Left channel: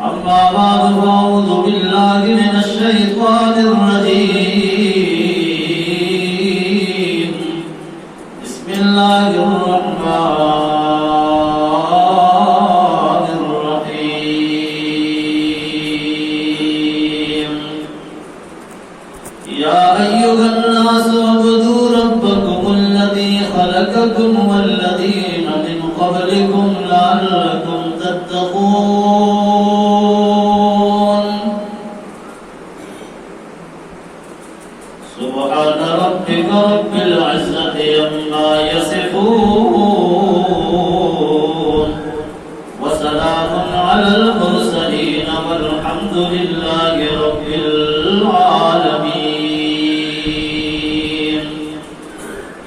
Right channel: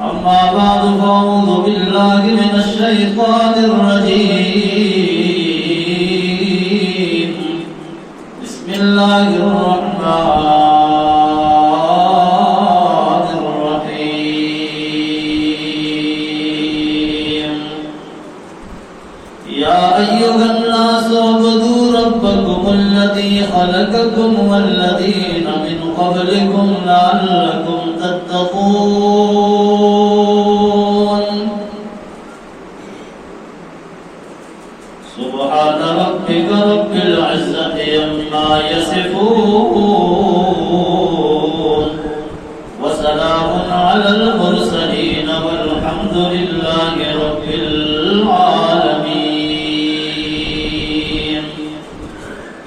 أما بعد فأعوذ بالله من الشيطان الرجيم بسم الله الرحمن الرحيم يا أيها الناس اعبدوا ربكم الذي خلقكم والذين من قبلكم لعلكم تتقون سبحان ربك رب العزة عما يصفون وسلام على المرسلين والحمد لله رب العالمين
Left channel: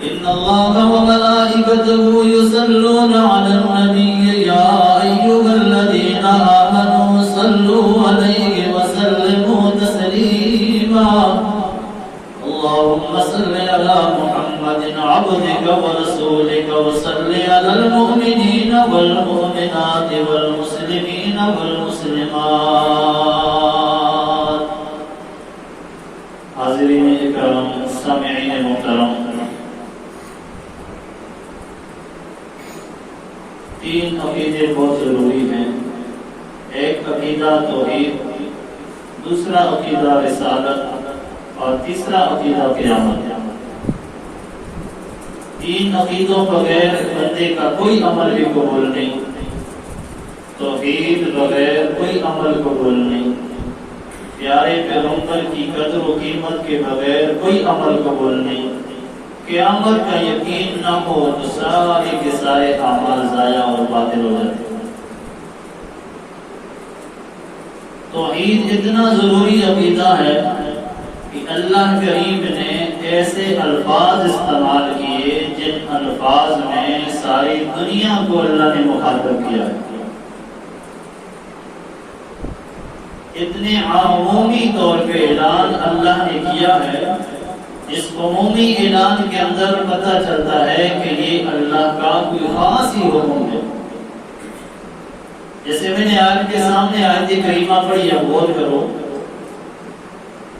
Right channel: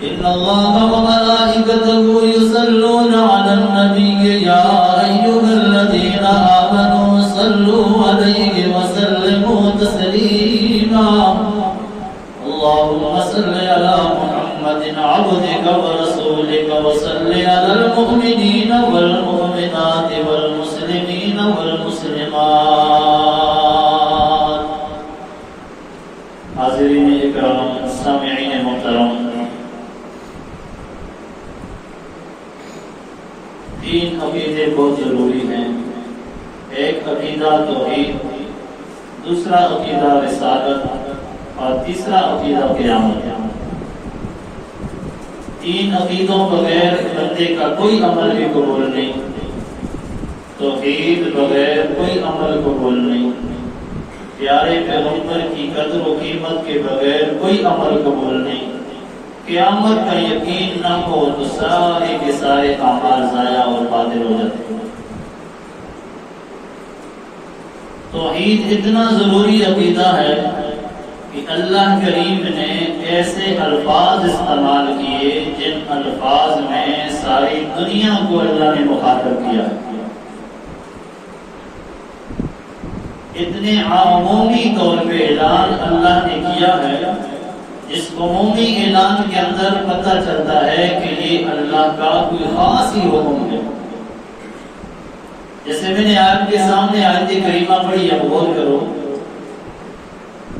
إن الله وملائكته يصلون على النبي يا أيها الذين آمنوا صلوا عليه وسلموا تسليما اللهم صل على محمد عبدك ورسولك وصل على المؤمنين والمؤمنات والمسلمين والمسلمات حاضرین اکرام سامعین محترم تین عقیدے بہت ضروری ہیں ایک عقیدہ توحید دوسرا عقیدہ رسالت اور تیسرا عقیدہ قیامت ہے تین عقیدوں بغیر بندے کا کوئی عمل بھی قبول نہیں توحید بغیر کوئی عمل قبول نہیں پیارے پیغمبر کی قدر و قیمت کے بغیر کوئی عمل قبول نہیں قیامت کا یقین نہ ہو تو سارے کے سارے اعمال ضائع اور باطل ہو جاتے ہیں توحید اتنا ضروری عقیدہ ہے کہ اللہ کریم نے ایسے الفاظ استعمال کیے جن الفاظ میں ساری دنیا کو اللہ نے مخاطب کیا اتنے عمومی طور پہ اعلان اللہ نے کیا ہے اس عمومی اعلان کے اندر پتہ چلتا ہے کہ یہ اللہ کا کوئی خاص ہی حکم ہے جیسے میں نے آپ کے سامنے آیت کریمہ پڑھی ہے غور کرو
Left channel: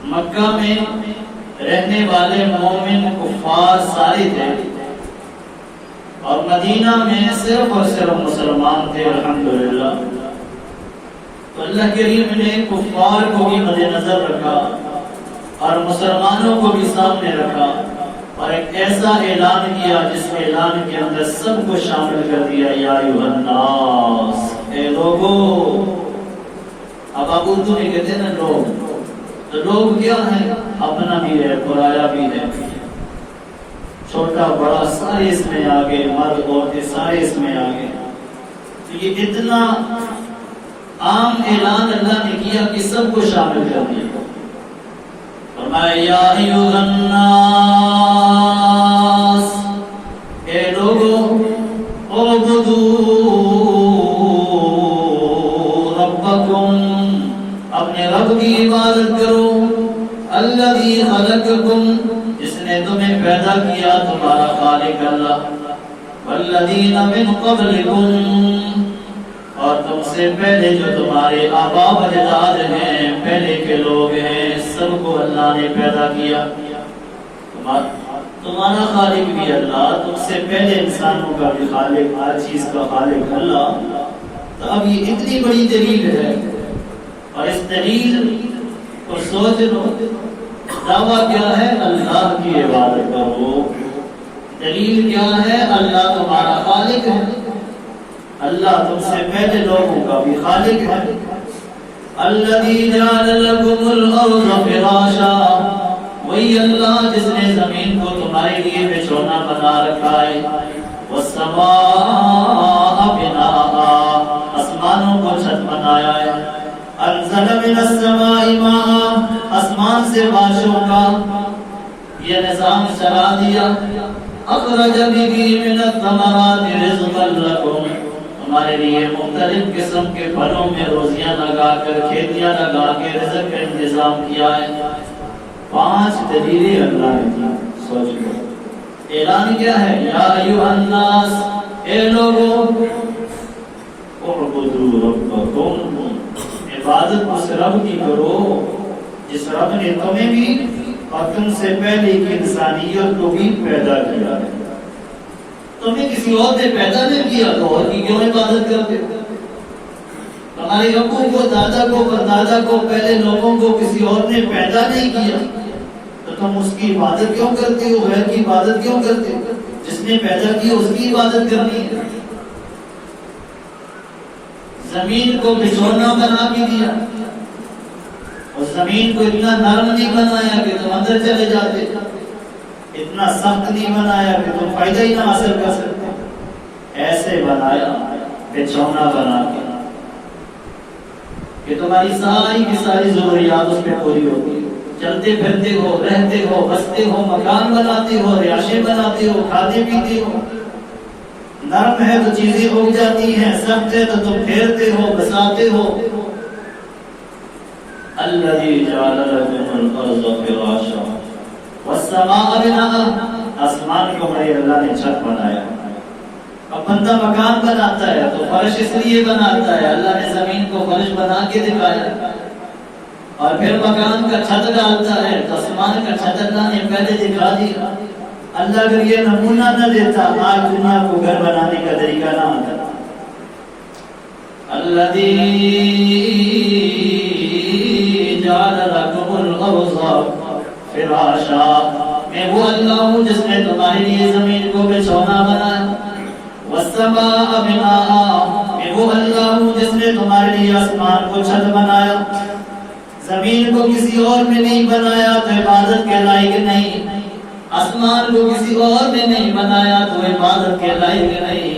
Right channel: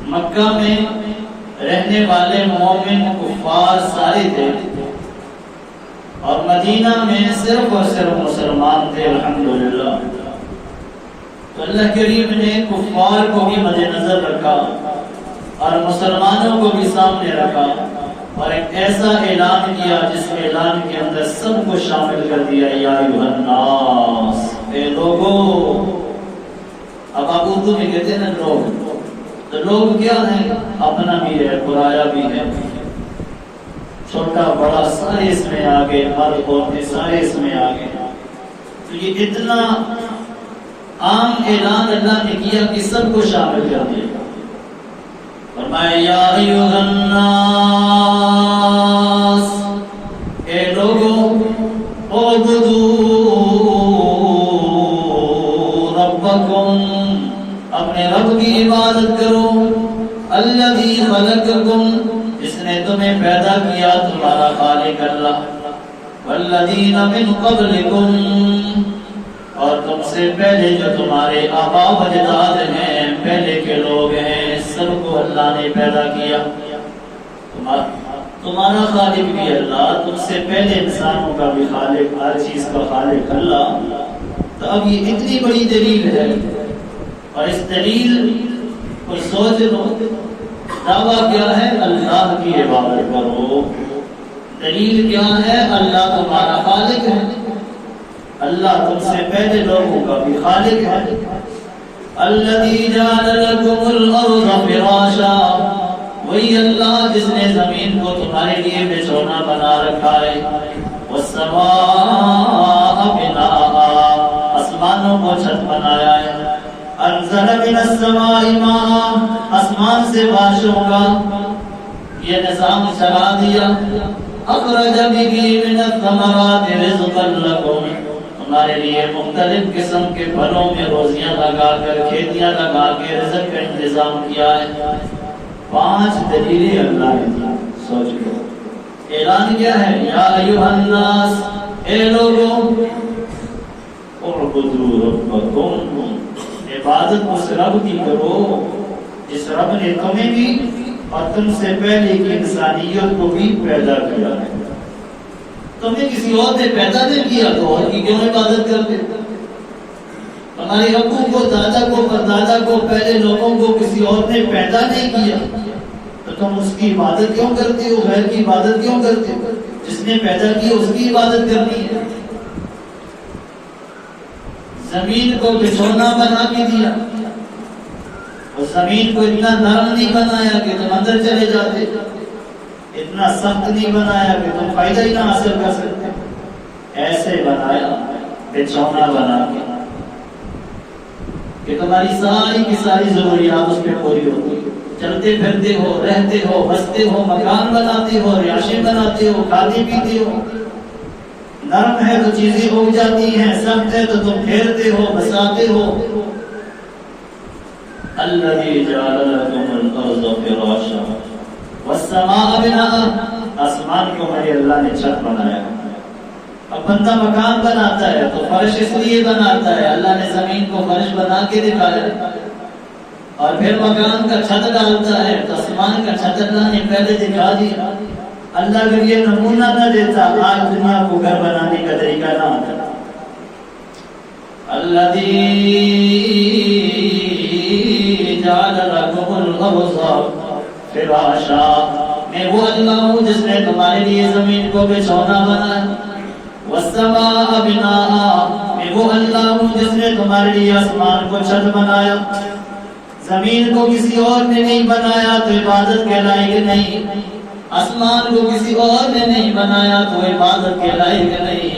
مکہ میں رہنے والے مومن کفار سارے تھے اور مدینہ میں صرف اور صرف مسلمان تھے الحمدللہ تو اللہ کریم نے کفار کو بھی مد نظر رکھا اور مسلمانوں کو بھی سامنے رکھا اور ایک ایسا اعلان کیا جس اعلان کے اندر سب کو شامل کر دیا یا ایھا الناس اے لوگو اب آپ اردو میں کہتے ہیں نا لوگ تو لوگ کیا ہیں اپنا بھی ہے پرایا بھی ہے چھوٹا بڑا سارے اس میں آگے مرد عورتیں سارے اس میں آگے تو یہ اتنا عام اعلان اللہ نے کیا کہ سب کو شامل کر دیا فرمایا یا ایھا الناس اے لوگو اعبدوا ربکم اپنے رب کی عبادت کرو الذی خلقکم جس نے تمہیں پیدا کیا تمہارا خالق اللہ والذین من قبلکم اور تم سے پہلے جو تمہارے آباء و اجداد ہیں پہلے کے لوگ ہیں سب کو اللہ نے پیدا کیا تمہارا خالق بھی اللہ تم سے پہلے انسانوں کا بھی خالق ہر چیز کا خالق اللہ تو اب یہ اتنی بڑی دلیل ہے اور اس دلیل کو سوچ لو دعویٰ کیا ہے اللہ کی عبادت کرو دلیل کیا ہے اللہ تمہارا خالق ہے اللہ تم سے پہلے لوگوں کا بھی خالق ہے الذی جعل لکم الارض فراشا وہی اللہ جس نے زمین کو تمہارے لیے بچھونا بنا رکھا ہے والسماء بناء آسمانوں کو چھت بنایا ہے انزل من السماء ماء آسمان سے بارشوں کا یہ نظام چلا دیا اخرج به من الثمرات رزقا لکم تمہارے لیے مختلف قسم کے پھلوں میں روزیاں لگا کر کھیتیاں لگا کے رزق کا انتظام کیا ہے 5 دلیلیں اللہ نے دی سوچ لو اعلان کیا ہے یا ایھا الناس اے لوگوں اعبدوا ربکم عبادت اس رب کی کرو جس رب نے تمہیں بھی اور تم سے پہلے کی انسانیت کو بھی پیدا کیا ہے. تمہیں کسی اور نے پیدا نہیں کیا تو اور کی کیوں عبادت کرتے؟ تمہارے ابو کو، دادا کو، پردادا کو، پہلے لوگوں کو کسی اور نے پیدا نہیں کیا تو تم اس کی عبادت کیوں کرتے ہو؟ غیر کی عبادت کیوں کرتے ہو؟ جس نے پیدا کی اس کی عبادت کرنی ہے. زمین کو بچھونا بنا کے دیا اور زمین کو اتنا نرم نہیں بنایا کہ تم اندر چلے جاتے، اتنا سخت نہیں بنایا کہ تم فائدہ ہی نہ حاصل کر سکتے. ایسے بنایا بچھونا بنا کے کہ تمہاری ساری کی ساری ضروریات اس پہ پوری ہوتی. چلتے پھرتے ہو، رہتے ہو، بستے ہو، مکان بناتے ہو، رہائشیں بناتے ہو، کھاتے پیتے ہو. نرم ہے تو چیزیں اگ جاتی ہیں، سخت ہے تو تم پھیرتے ہو، بساتے ہو. الذی جعل لکم الارض فراشا والسماء بناء، آسمان کو میرے اللہ نے چھت بنایا. اب بندہ مکان بناتا ہے تو فرش اس لیے بناتا ہے، اللہ نے زمین کو فرش بنا کے دکھایا. اور پھر مکان کا چھت ڈالتا ہے تو آسمان کا چھت اللہ نے پہلے دکھا دیا. اللہ اگر یہ نمونہ نہ دیتا آج دنیا کو گھر بنانے کا طریقہ نہ ہوتا. الذی جعل لکم الارض فراشا، میں وہ اللہ ہوں جس نے تمہارے لیے زمین کو بچھونا بنایا. والسماء بناء، میں وہ اللہ ہوں جس نے تمہارے لیے آسمان کو چھت بنایا. زمین کو کسی اور نے نہیں بنایا تو عبادت کے لائق نہیں. آسمان کو کسی اور نے نہیں بنایا تو عبادت کے لائق نہیں.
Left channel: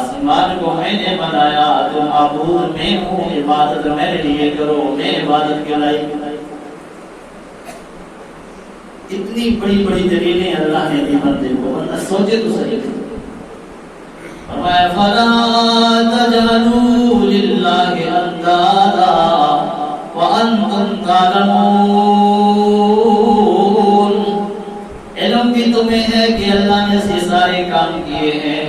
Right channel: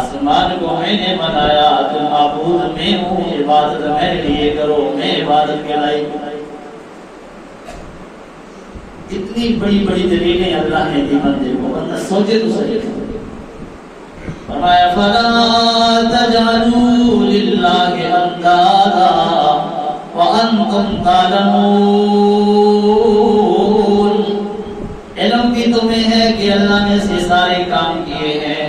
آسمان کو میں نے بنایا تو معبود میں ہوں، عبادت میرے لیے کرو، میں عبادت کے لائق. اتنی بڑی بڑی دلیلیں اللہ نے دی بندے کو، بندہ سوچے تو صحیح. فرمایا فلا تجعلوا للہ اندادا وانتم تعلمون. علم بھی تمہیں ہے کہ اللہ نے سے سارے کام کیے ہیں.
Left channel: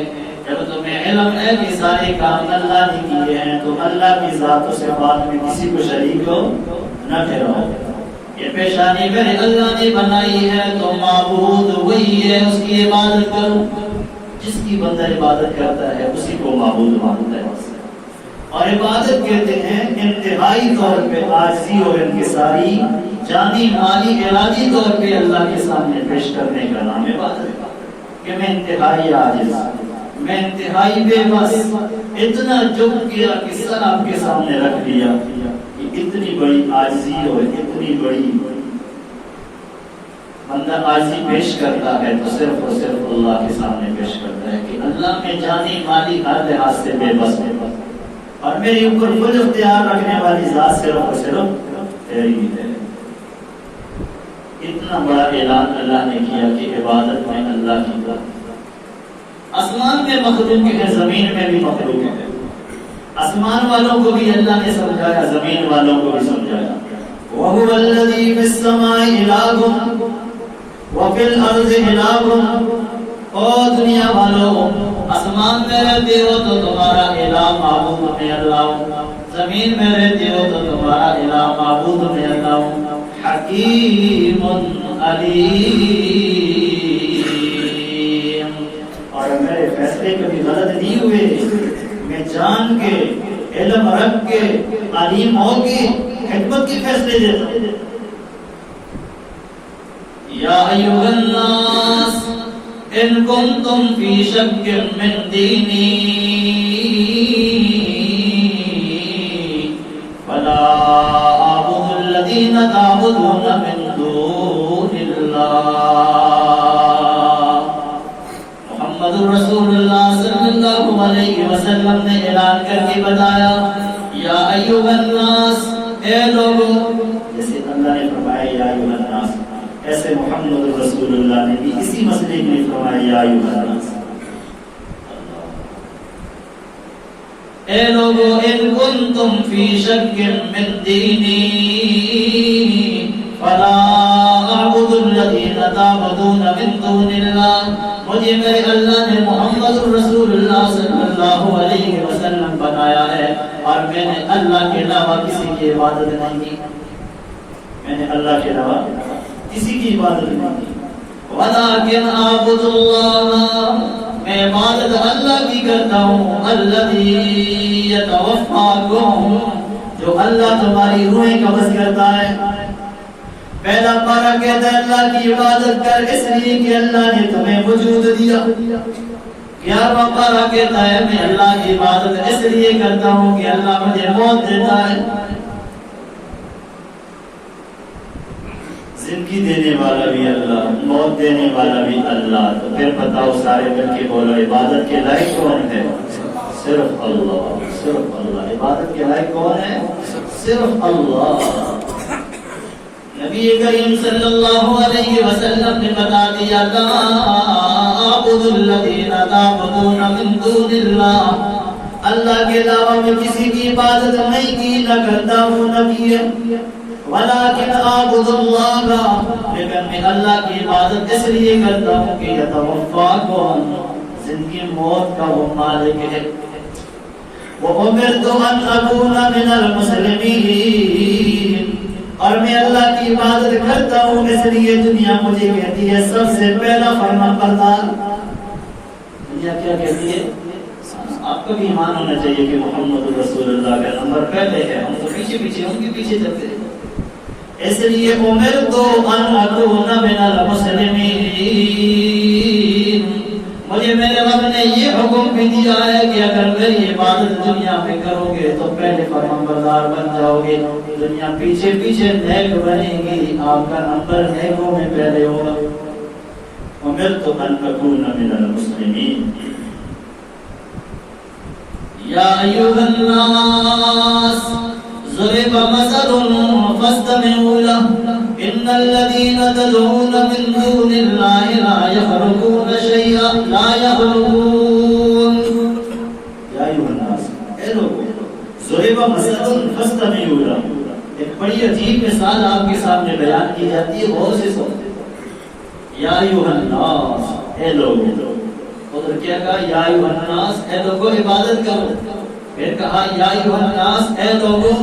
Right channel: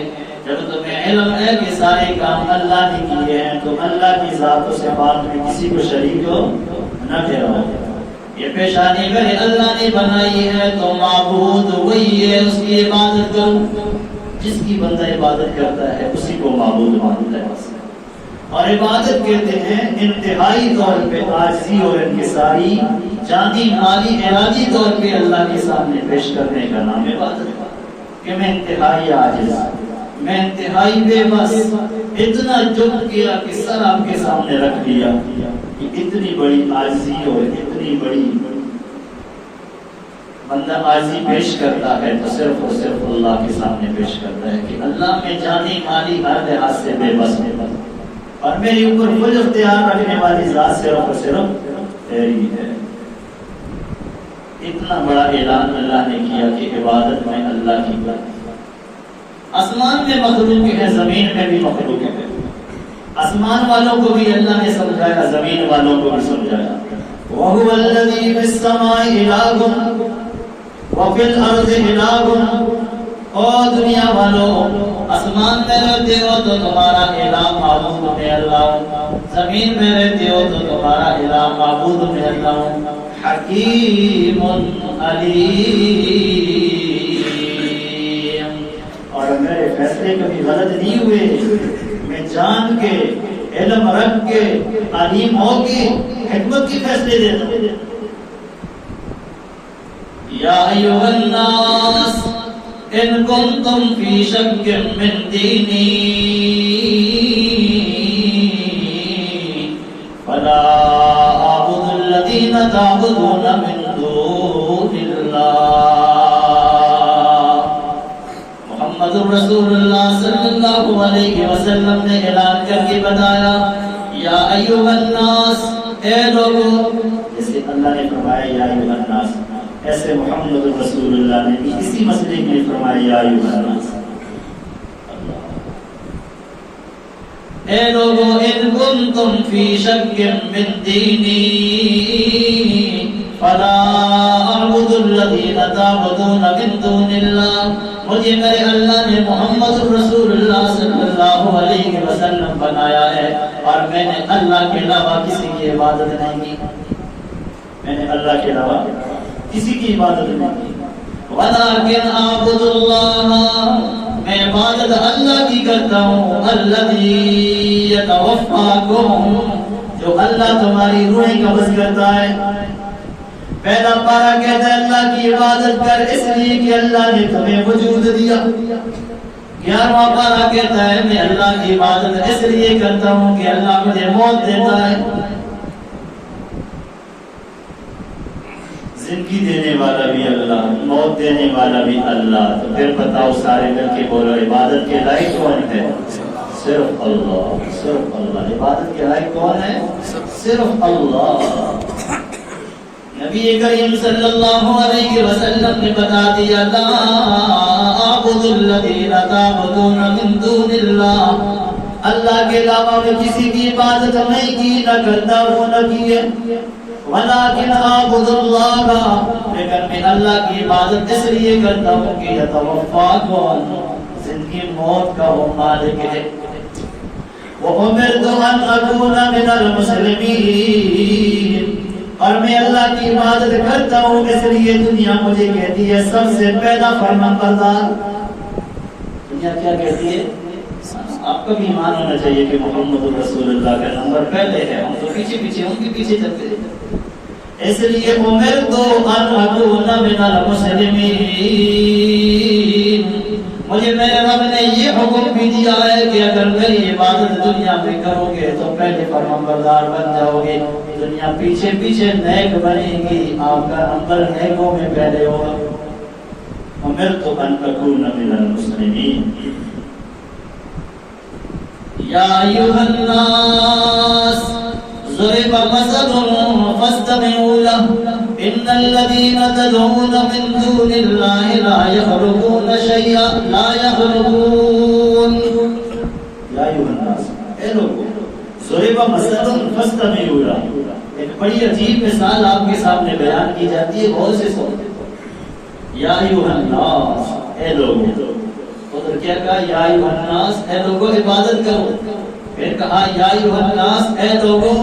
جب تمہیں علم ہے کہ سارے کام اللہ نے کیے ہیں تو اللہ کی ذات و صفات میں کسی کو شریک نہ ٹھہراؤ. یہ پیشانی میرے اللہ نے بنائی ہے تو معبود وہی ہے، اس کی عبادت کرو. جس کی بندہ عبادت کرتا ہے اسی کو معبود مانتا ہے. اور عبادت کہتے ہیں انتہائی طور پہ عاجزی اور انکساری، جانی مالی ارادی طور پہ اللہ کے سامنے پیش کرنے کا نام عبادت ہے. کہ میں انتہائی عاجز، میں انتہائی بے بس، اتنا جھک گیا کہ سر آپ کے سامنے رکھ دیا. اتنی بڑی عاجزی اور اتنی بڑی بندہ عاجزی پیش کرتا ہے تو صرف اور صرف اللہ کے سامنے پیش کرتا ہے کہ اللہ میں جانی مالی ہر لحاظ سے بے بس ہوں اور میرے اوپر کل اختیار رکھنے والی ذات صرف اور صرف تیری ہے. اتنا بڑا اعلان اللہ نے کیا کہ عبادت میں اللہ کی بات. آسمان میں مخلوق ہے، زمین میں بھی مخلوق ہے. آسمان والوں کو بھی اللہ نے سمجھایا، زمین والوں کو بھی سمجھایا. وَهُوَ الَّذِي فِي السَّمَاءِ إِلَٰهٌ وَفِي الْأَرْضِ إِلَٰهٌ. او دنیا والوں، آسمان میں رہتے ہو تو تمہارا الہ معبود میں اللہ ہوں، زمین میں رہتے ہو تو تمہارا الہ معبود میں اللہ ہوں. حکیم علیم، اور میرے فیصلے کبھی غلط نہیں ہوئے. میں جان کے، علم رکھ کے، علیم ہو کے حکمت کی فیصلے دیتا ہوں. یا ایھا الناس ان کنتم فی شک من دینی فلا اعبد الذین تعبدون من دون اللہ. محمد رسول اللہ صلی اللہ علیہ وسلم نے اعلان کر کے بتایا، یا ایھا الناس، اے لوگوں. جیسے اللہ نے فرمایا یا ایھا الناس، ایسے محمد رسول اللہ نے بھی اسی مسئلے کے لیے فرمایا یا ایھا الناس. اے لوگوں، ان کنتم فی شک من دینی فلا اعبد الذین تعبدون من دون اللہ. مجھے میرے اللہ نے محمد رسول اللہ صلی اللہ علیہ وسلم بنایا ہے اور اور میں نے اللہ کے علاوہ کسی کی عبادت نہیں کی. میں نے اللہ کے علاوہ کسی کی عبادت نہیں کی. وَلَٰكِنْ أَعْبُدُ اللَّهَ، میں عبادت اللہ کی کرتا ہوں. الَّذِي يَتَوَفَّاكُمْ، جو اللہ تمہاری روحیں قبض کرتا ہے. پہلا پارہ کہتا ہے اللہ کی عبادت کر اس لیے کہ اللہ نے تمہیں وجود دیا. 11واں پارہ کہتا ہے میں اللہ کی عبادت اس لیے کرتا ہوں کہ اللہ مجھے موت دیتا ہے. زندگی دینے والا بھی اللہ، موت دینے والا بھی اللہ. تو پھر بتاؤ سارے مل کے بولو عبادت کے لائق کون ہے؟ صرف اللہ، صرف اللہ. عبادت کے لائق کون ہے؟ صرف اللہ. نبی کریم صلی اللہ علیہ وسلم نے بتا دیا لا اعبد الذین تعبدون من دون اللہ، اللہ کے علاوہ میں کسی کی عبادت نہیں کی، نہ کرتا ہوں نہ کیے. ولیکن اعبد اللہ، لیکن میں اللہ کی عبادت اس لیے کرتا ہوں کہ یتوفاکم، زندگی موت کا وہ مالک ہے. وَأُمِرْتُ أَنْ أَكُونَ مِنَ الْمُسْلِمِينَ، اور میں اللہ کی عبادت کرتا ہوں اس لیے دنیا مجھے کہتی ہے سب سے پہلا فرمانبردار. دنیا کیا کہتی ہے؟ آپ کا بھی ایمان ہونا چاہیے کہ محمد رسول اللہ کا نمبر پہلے ہے، ہم تو پیچھے پیچھے ان کے پیچھے چلتے ہیں. اس لیے امرت ان اکون من المسلمین، مجھے میرے رب نے یہ حکم بھی دیا ہے کہ اگر میری عبادت دنیا میں کرو گے تو پہلے فرمانبردار بن جاؤ گے. دنیا پیچھے پیچھے نیک بنے گی، آپ کا نمبر نیکوں میں پہلے ہوگا. امرت ان اکون من المسلمین. یا ایھا الناس ضرب مثل فاستمعوا له ان الذين تدعون من دون الله لا يخلقون شيئا لا يخلقون. یا ایھا الناس، اے لوگوں، ضرب مثل فاستمعوا له، ایک بڑی عجیب مثال آپ کے سامنے بیان کی جاتی ہے، غور سے سنو. یا ایھا الناس، اے لوگوں. تو کیا کہا؟ یا ایھا الناس، اے لوگوں عبادت کرو. پھر کہا یا ایھا الناس، اے لوگوں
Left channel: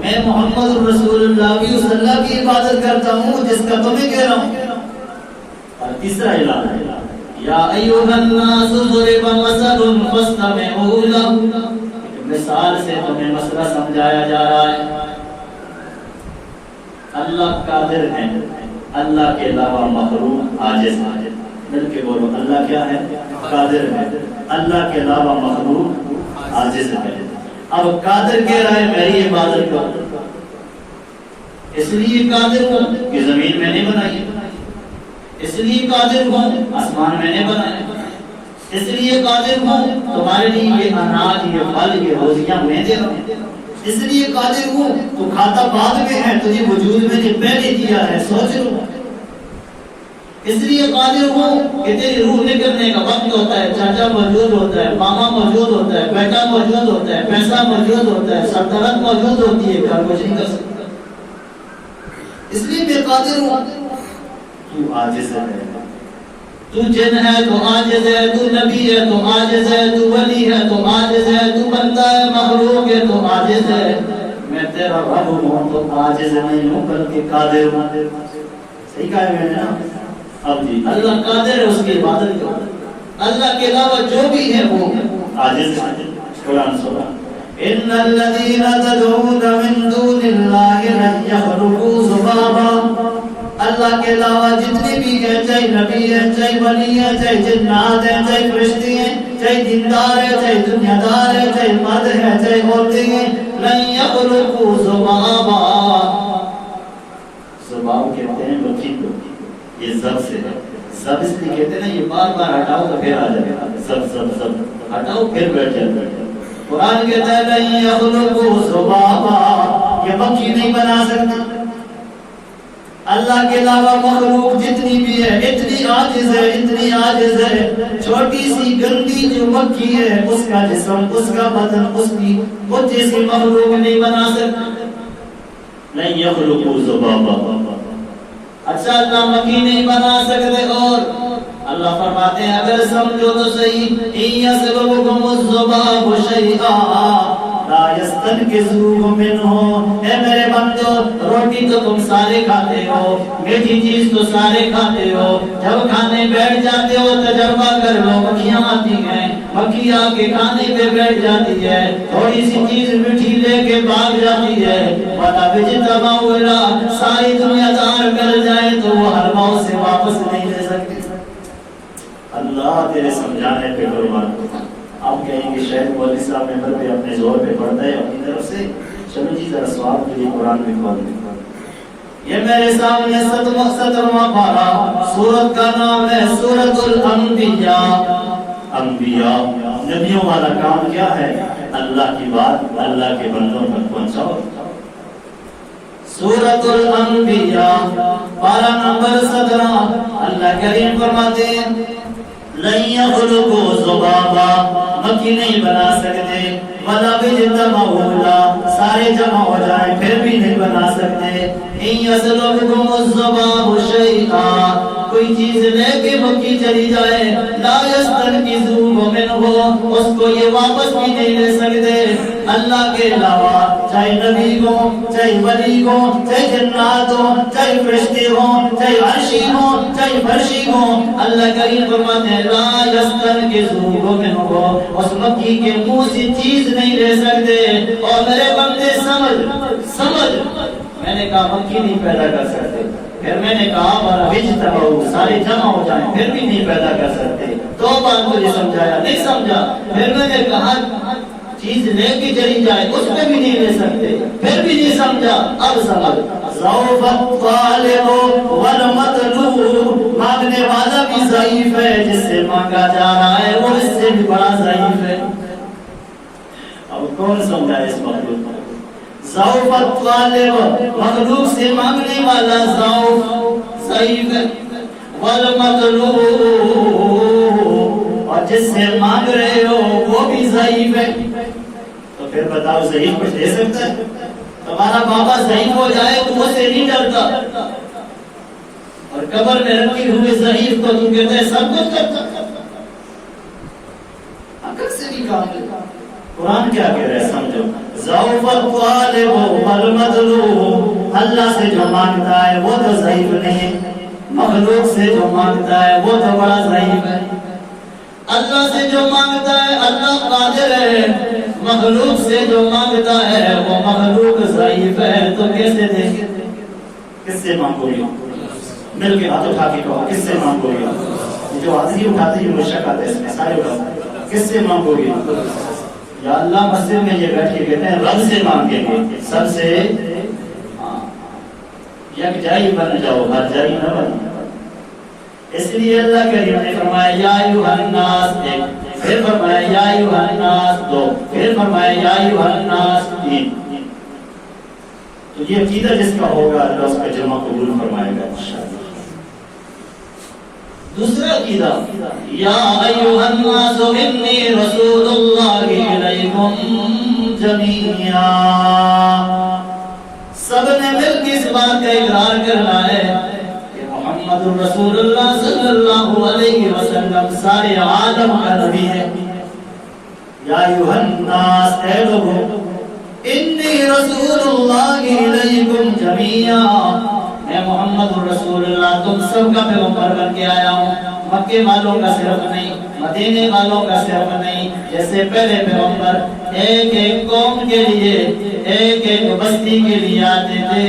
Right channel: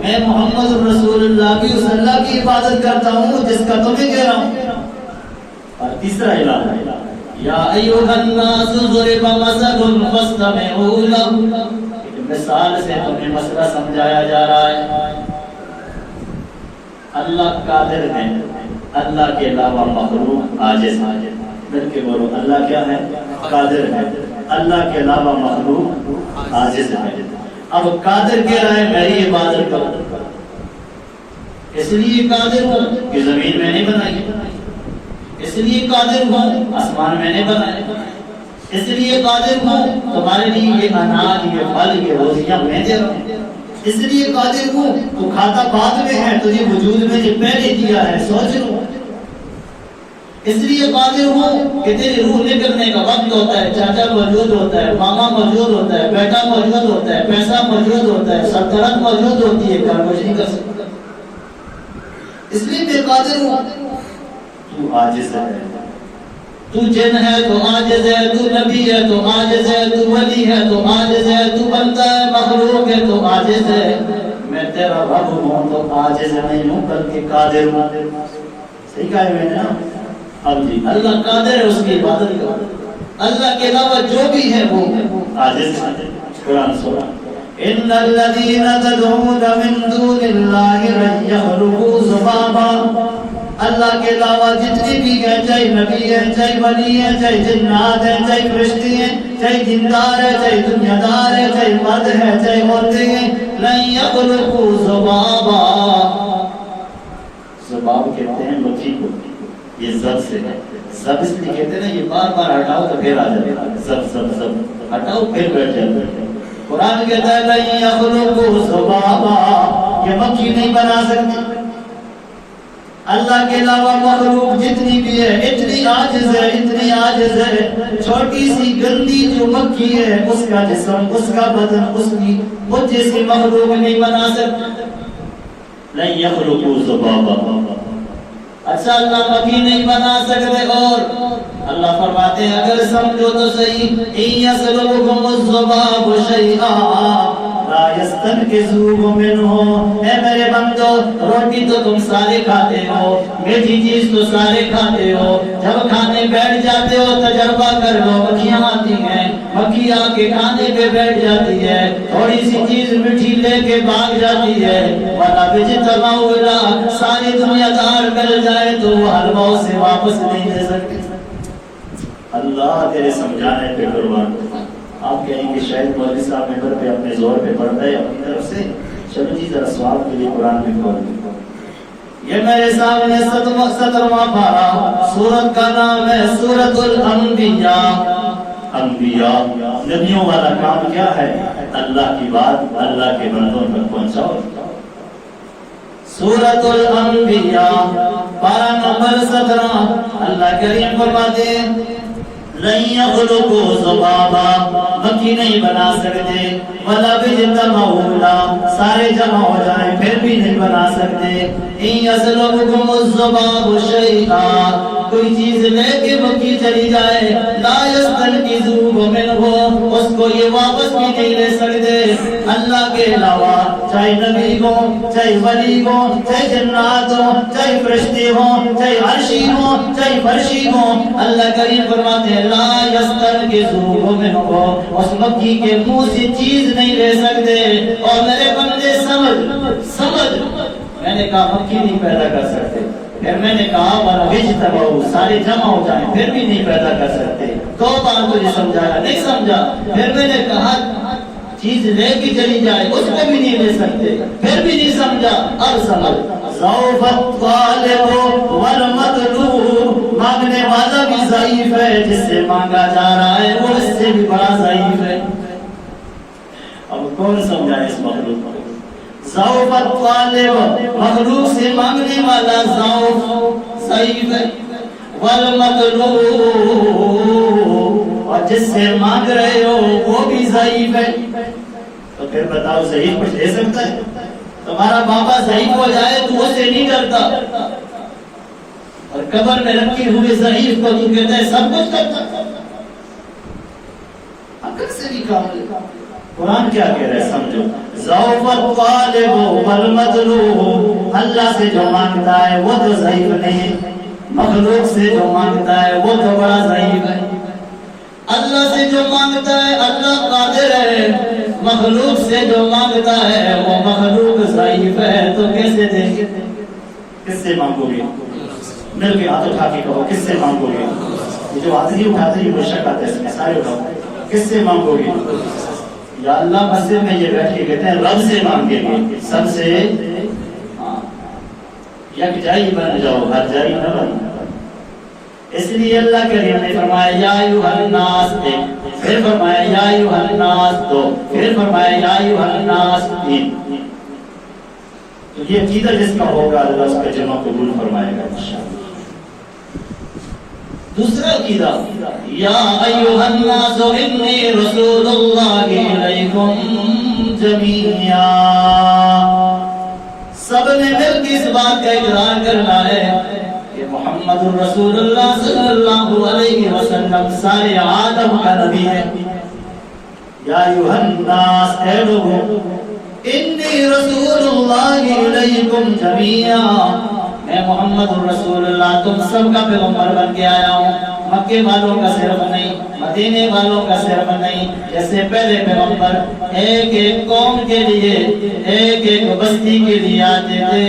میں محمد رسول اللہ کی اس اللہ کی عبادت کرتا ہوں جس کا تمہیں کہہ رہا ہوں. اور تیسرا اعلان یا ایھا الناس ضرب مثل فاستمعوا له، مثال سے تمہیں مسئلہ سمجھایا جا رہا ہے. اللہ قادر ہے، اللہ کے علاوہ مخلوق عاجز ہے. مل کے بولو اللہ کیا ہے؟ قادر ہے. اللہ کے علاوہ مخلوق عاجز ہے. اب قادر کہہ رہا ہے میری عبادت کرو، اس لیے قادر ہوں کہ زمین میں نے بنائی، اس لیے قادر ہوں آسمان میں نے بنائے، اس لیے قادر ہوں تمہارے لیے یہ اناج یہ پھل یہ روزیاں میں دے رہا ہوں، اس لیے قادر ہوں تو کھاتا بعد میں ہے تجھے وجود میں نے پہلے دیا ہے سوچ لو. اس لیے قادر ہوں کہ تیری روح نکلنے کا وقت ہوتا ہے، چاچا موجود ہوتا ہے، ماما موجود ہوتا ہے، بیٹا موجود ہوتا ہے، پیسہ موجود ہوتا ہے، سلطنت موجود ہوتی ہے، کام نہیں کر سکتا. اس لیے میں قادر ہوں. تو عاجز ہے، تو جن ہے تو عاجز ہے، تو نبی ہے تو عاجز ہے، تو ولی ہے تو عاجز ہے، تو بندہ ہے مخلوق ہے تو عاجز ہے. میں تیرا رب ہوں تو عاجز نہیں ہوں بلکہ قادر ہوں. صحیح کہا ہے میں نے نا؟ اب جی اللہ قادر ہے، اس کی عبادت کرو. اللہ کے علاوہ جو بھی ہے وہ عاجز ہے. قرآن سورہ ان الذين تدعون من دون الله لن يخلقوا ذبابا، اللہ کے علاوہ جتنے بھی ہیں، چاہے نبی ہیں، چاہے ولی ہیں، چاہے جنات ہیں، چاہے فرشتے ہیں، چاہے دیندار ہے، چاہے دنیا دار ہے، چاہے مرد ہے، چاہے عورتیں ہیں، لن يخلقوا ذبابا. ذباب کہتے ہیں مکھی کو، یہ زب سے ہے. زب اس لیے کہتے ہیں نا یہ بار بار ہٹاؤ تو پھر آ جائے گا. زب زب زب ہٹاؤ پھر بیٹھ جائے. قرآن کہتا ہے لن يخلقوا ذبابا، یہ مکھی نہیں بنا سکتی. اللہ کے علاوہ مخلوق جتنی بھی ہے اتنی عاجز ہے، اتنی عاجز ہے. چھوٹی سی گندی جو مکھی ہے اس کا جسم، اس کا بدن، اس کی وہ جیسی مخلوق نہیں بنا سکتا. لن يخلقوا ذبابا. اچھا اللہ مکھی نہیں بنا سکتے. اور اللہ فرماتے ہیں اگر سمجھو تو صحیح، إِن يَسْلُبْهُمُ الذُّبَابُ شَيْئًا لَا یستنکزوہ منہ، اے میرے بندو روٹی تو تم سارے کھاتے ہو، میٹھی چیز تو سارے کھاتے ہو، جب کھانے بیٹھ جاتے ہو تجربہ کر لو مکھیاں آتی ہیں، مکھی آ کے کھانے پہ بیٹھ جاتی ہے، تھوڑی سی چیز میٹھی لے کے بھاگ جاتی ہے، وَلَا بِجْتَمَعُوا إِلَىٰ، ساری دنیا دار مل جائے تو وہ حلوہ سے واپس نہیں لے سکتے۔ اللہ تیرے سمجھانے پہ قربان۔ آپ کہیں گے شاید مولوی صاحب ممبر پہ اپنے زور پہ پڑھتا ہے اپنی طرف سے، چلو جی ذرا سوال کے لیے قرآن میں کھول دیں۔ یہ میرے سامنے 17واں پارہ، سورت کا نام ہے سورۃ الانبیاء۔ انبیاء نبیوں والا کام کیا ہے؟ اللہ کی بات اللہ کے بندوں تک پہنچاؤ۔ سورۃ الانبیاء پارہ نمبر 17، اللہ کریم فرماتے ہیں لن یخلقوا ذبابا، مکھی نہیں بنا سکتے، ولا بِجْتَمَعُوا، سارے جمع ہو جائیں پھر بھی نہیں بنا سکتے، ان یسلبکم الذباب شیئا، کوئی چیز لے کے مکھی چلی جائے، لا یستنقذوہ منہ، اس کو یہ واپس بھی نہیں لے سکتے اللہ کے علاوہ، چاہے نبی ہو، چاہے ولی ہو، چاہے جنات ہو، چاہے فرشتے ہوں، چاہے عرشی ہوں، چاہے فرشی ہوں، اللہ کریم فرماتے ہیں لا یستنقذوہ منہ، اس مکھی کے منہ سے چیز نہیں لے سکتے۔ اور میرے بندے سمجھ، میں نے کہا مکھی نہیں پیدا کر سکتے، پھر میں نے کہا وَلَا بِجْتَمَعُوا، سارے جمع ہو جائیں پھر بھی نہیں پیدا کر سکتے، دو بار تجھے سمجھایا نہیں سمجھا، پھر میں نے کہا چیز لے کے چلی جائے اس کو بھی نہیں لے سکتے، پھر بھی نہیں سمجھا، اب سمجھ۔ ضعف الطالب والمطلوب، مانگنے والا بھی ضعیف ہے، جس سے مانگا جا رہا ہے وہ اس سے بھی بڑا ضعیف ہے۔ اب کون سمجھائے اس مخلوق کو؟ ضعف الطالب، مخلوق سے مانگنے والا ضعیف ہے، والمطلوب، اور جس سے مانگ رہے ہو وہ بھی ضعیف ہے۔ تو پھر بتاؤ ضعیف کچھ دے سکتا ہے؟ تمہارا بابا ضعیف ہو جائے تو وہ سے نہیں ڈرتا، اور قبر میں رکھے ہوئے ضعیف کو تو کہتا ہے سب کچھ کرتا، عقل سے بھی کام لے۔ قرآن کیا کہہ رہا ہے سمجھو، ضعف الطالب والمطلوب، اللہ سے جو مانگتا ہے وہ تو ضعیف نہیں ہے، مخلوق سے جو مانگتا ہے وہ تو بڑا ضعیف ہے۔ اللہ سے جو مانگتا ہے اللہ قادر ہے، مخلوق سے جو مانگتا ہے وہ مخلوق ضعیف ہے، تو کیسے دیں گے؟ کس سے مانگو گے؟ مل کے ہاتھ اٹھا کے کہو کس سے مانگو گے؟ جو ہاتھ نہیں اٹھاتے یہ مشک آتے اس میں سارے اٹھاؤ، کس سے مانگو گے؟ یا اللہ مسجد میں یہ بیٹھے کہتے ہیں رب سے مانگیں گے، سب سے یکجائی بن جاؤ، ہر جائی نہ بن۔ اس لیے اللہ کریم نے فرمایا یا ایھا الناس، پھر فرمایا یا ایھا الناس دو، پھر فرمایا یا ایھا الناس تین۔ تو یہ عقیدہ جس کا ہوگا اللہ اس کا جمع قبول فرمائے گا انشاءاللہ۔ دوسرا عقیدہ یا ایھا الناس انی رسول اللہ الیکم جمیعا، سب نے مل کے اس بات کا اقرار کرنا ہے کہ محمد رسول اللہ صلی اللہ علیہ وسلم سارے عالم کا نبی ہے۔ یا ایھا الناس، اے لوگوں، انی رسول اللہ الیکم جمیعا، میں محمد رسول اللہ تم سب کا پیغمبر بن کے آیا ہوں، مکے والوں کا صرف نہیں، مدینے والوں کا صرف نہیں، جیسے پہلے پیغمبر ایک ایک قوم کے لیے ایک ایک بستی کے لیے آتے تھے،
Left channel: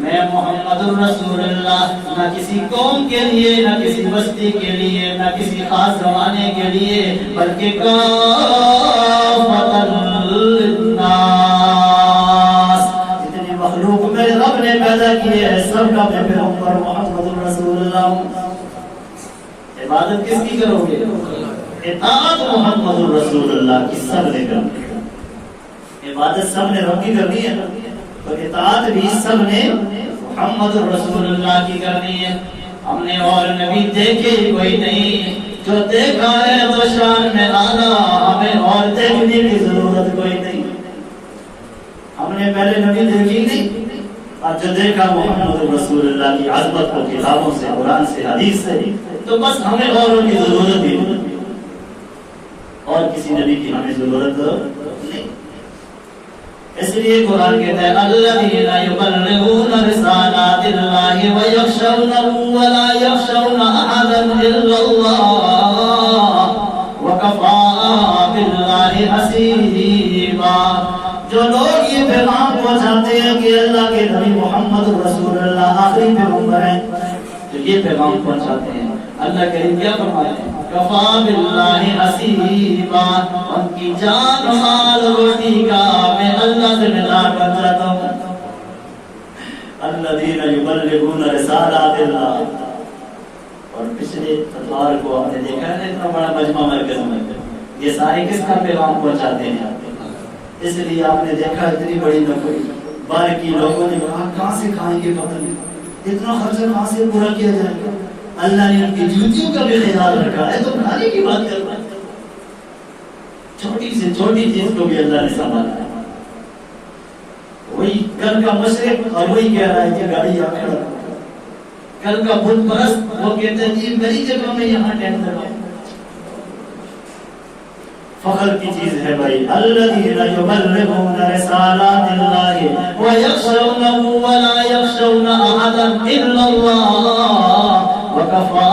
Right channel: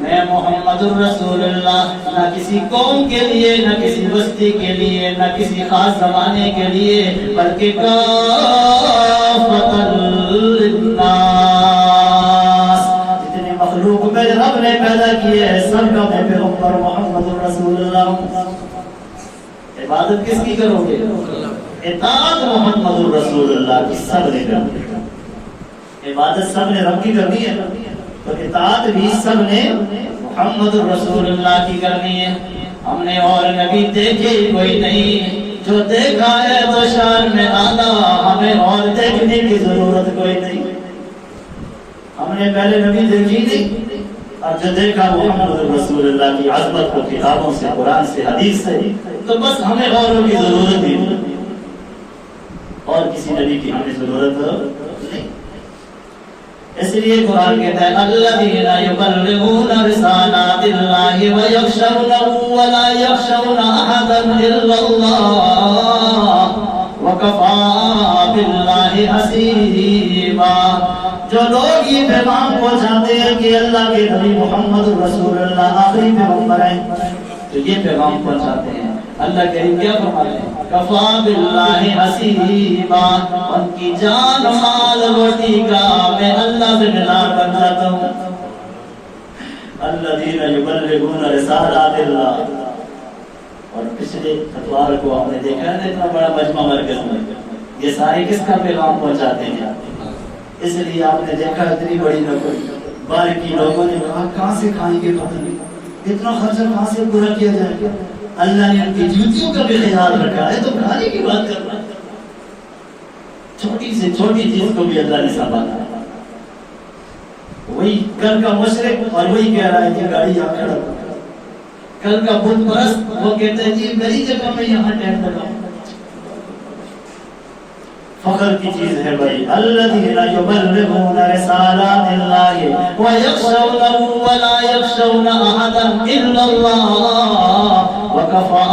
میں محمد رسول اللہ نہ کسی قوم کے لیے، نہ کسی بستی کے لیے، نہ کسی خاص زمانے کے لیے، بلکہ کافۃ للناس، جتنی مخلوق میرے رب نے پیدا کی ہے سب کا میں پیغمبر محمد رسول اللہ ہوں۔ عبادت کس کی کرو گے؟ اطاعت محمد رسول اللہ کی سب نے کرنی ہے، عبادت سب نے رب کی کرنی ہے، تو اطاعت بھی سب نے محمد رسول اللہ کی کرنی ہے۔ ہم نے اور نبی دیکھے کوئی نہیں، جو دیکھا ہے تو شان میں آلہ، ہمیں اور دیکھنے کی ضرورت کوئی نہیں۔ ہم نے پہلے نبی دیکھی نہیں، اور جو دیکھا محمد رسول اللہ کی عظمت کو کتابوں سے، قرآن سے، حدیث سے، تو بس ہمیں اوروں کی ضرورت ہی نہیں، اور کسی نبی کی ہمیں ضرورت نہیں۔ اس لیے قرآن کہتا ہے الذین یبلغون رسالات اللہ ویخشونہ ولا یخشون احدا الا اللہ وکفی باللہ حسیبا. جو لوگ یہ پیغام پہنچاتے ہیں کہ اللہ کے نبی محمد رسول اللہ آخری پیغمبر ہیں، تو یہ پیغام پہنچاتے ہیں، اللہ کریم کیا فرماتے ہیں کفا باللہ حسیبا، ان کی جان مال روٹی کا میں اللہ سے مدار بن جاتا ہوں. الذین یبلغون رسالات اللہ. اور پچھلے اتوار کو آپ نے دیکھا ہے اتنا بڑا مجمع مرکز میں یہ سارے کس کا پیغام پہنچاتے ہیں. اس لیے آپ نے دیکھا اتنی بڑی نوکری باریکی لوگوں نے کہا کہاں سے کھائیں گے پتہ نہیں، اتنا خرچہ کہاں سے پورا کیا جائے گا. اللہ نے ان کی ڈیوٹیوں کا بھی خیال رکھا ہے تو کھانے کی بات کرنا ہے. چھوٹی سے چھوٹی چیز کو بھی اللہ نے سنبھالا. وہی کل کا مشرق اور وہی کہہ رہا ہے کہ گاڑی آپ کھڑا کرو. کل کا بت پرست وہ کہتے ہیں جی میری جگہ میں یہاں ٹینٹ لگاؤ. فخر کی چیز ہے بھائی. الذین یبلغون رسالات اللہ ویخشونہ ولا یخشون احدا الا اللہ وکفی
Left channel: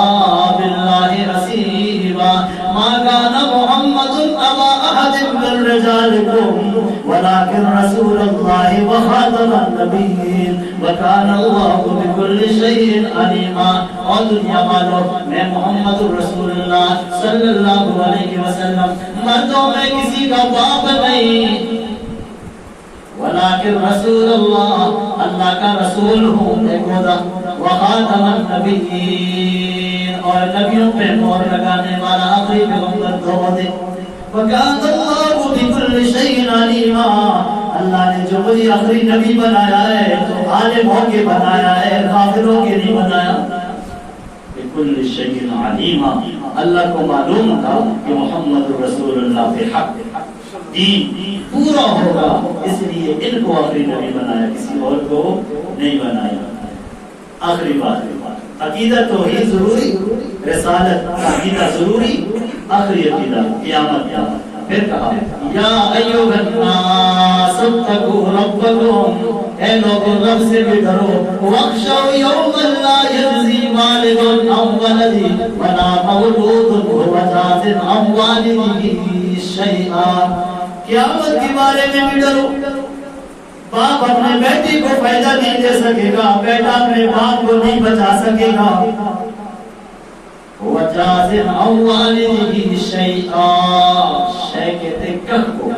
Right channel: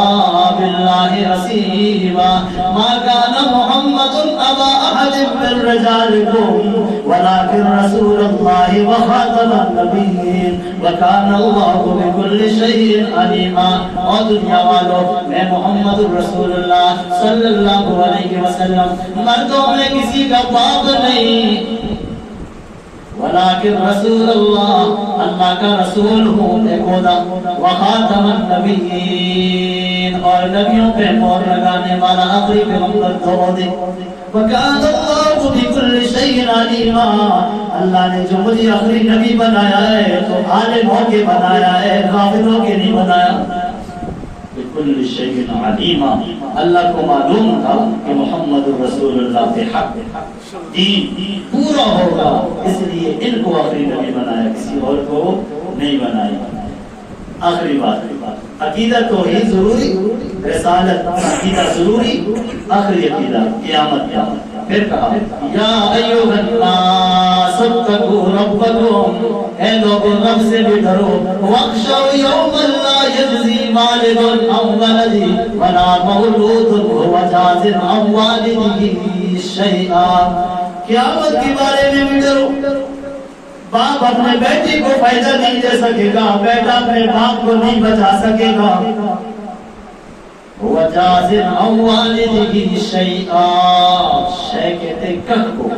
باللہ حسیبا. ما کان محمد ابا احد من رجالکم ولکن رسول اللہ وخاتم النبیین وکان اللہ بکل شیء علیما. اور دنیا والوں میں محمد رسول اللہ صلی اللہ علیہ وسلم مردوں میں کسی کا باپ نہیں، ولیکن رسول اللہ اللہ کا رسول ہوں ایک خدا، وخاتم النبیین اور نبیوں پہ مہر لگانے والا آخری پیغمبر تو دے. وکان اللہ بکل شیء علیما. اللہ نے جو مجھے آخری نبی بنایا ہے تو عالم ہو کے بنایا ہے، غافل ہو کے نہیں بنایا. بکل شیء علیما. اللہ کو معلوم تھا کہ محمد رسول اللہ پہ حق دین پورا ہوگا، اس لیے ان کو آخری نبی بنایا، کسی اور کو نہیں بنایا. آخری بات عقیدہ توحید ضروری، رسالت عقیدہ ضروری، آخری عقیدہ قیامت. پھر کہا یا ایھا الناس اتقوا ربکم، اے لوگوں رب سے بھی ڈرو. واخشوا یوما لا یجزی والد عن ولدہ ولا مولود هو جاز عن والدہ شیئا. قیامت کے بارے میں بھی ڈرو. باپ اپنے بیٹے کو فائدہ نہیں دے سکے گا، بیٹا اپنے باپ کو نہیں بچا سکے گا. وجاز عن والدہ شیئا، شے کہتے کہہ کو.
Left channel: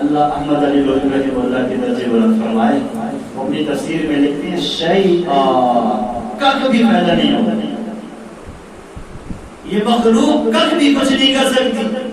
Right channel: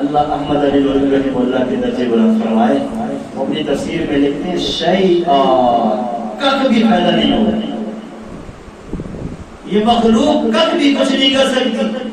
اللہ احمد علی رحمہ اللہ کے درجے بلند فرمائے، وہ اپنی تفسیر میں لکھتے ہیں شیئا کہہ بھی پیدا نہیں ہوگا. یہ مخلوق کہہ بھی کچھ نہیں کر سکتی.